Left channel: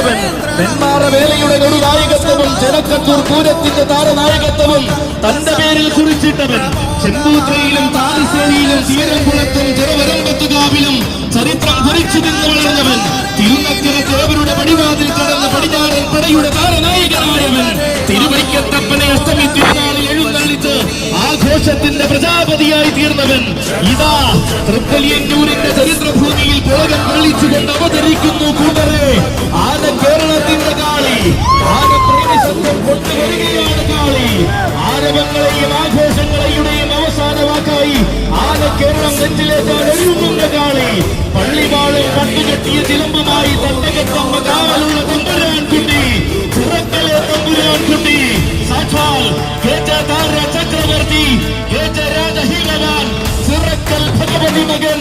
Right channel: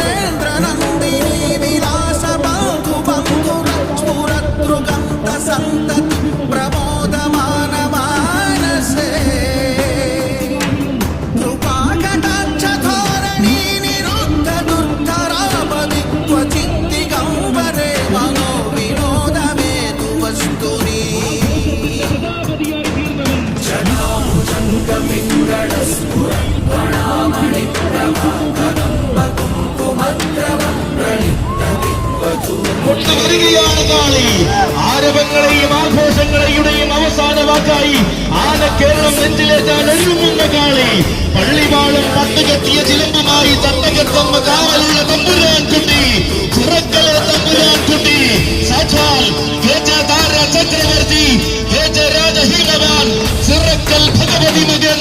സമ്മാനിച്ചവൻ നെന്മാറ വേലയുടെ നെടുനായകത്വവും ചെലക്കത്തൂർ പൂരത്തിന്റെ താരനായകത്വവും തന്റെ പേരിൽ കുറിച്ചിട്ടവൻ. ചെമ്പൂത്രയിലും താമരശ്ശേരിയിലും തീരക്കുളത്തും ചെറുവരമ്പത്തുകാവിലും ചരിത്രം കുറിച്ചു നിന്ന് വളർന്നവൻ തിരുനക്കര ദേവരുടെ പടിവാതിൽ കടന്ന് പടിഞ്ഞാറൻ പടയുടെ താരനായകനായവൻ. തിരുവൈക്കത്തപ്പനെ അഷ്ടമി തിരുനാളിൽ എഴുന്നള്ളിച്ച് ആഘോഷത്തിന്റെ പ്രജാപതിയായി തീർന്നവൻ. ഇതാ തൃപ്പലിയന്നൂരിന്റെ ചരിത്രഭൂമിയിൽ പോകൻ കളിച്ചുകൊണ്ട് ആരവങ്ങളെയും ആഘോഷങ്ങളെയും അവസാന വാക്കായി ആനക്കേളം നെഞ്ചിലേറ്റാൻ എഴുതുന്ന കാളി. പള്ളിവാളും പത്ത് കെട്ടിയ ചിലമ്പുമായി തണ്ടകത്തമ്മ കാവലുള്ള തമ്പുരാൻ കുട്ടി ചുറക്കളെ തമ്പുരാൻ കുട്ടി സാക്ഷാൽ ചക്രവർത്തി രാജ ഭഗവതി മകൻ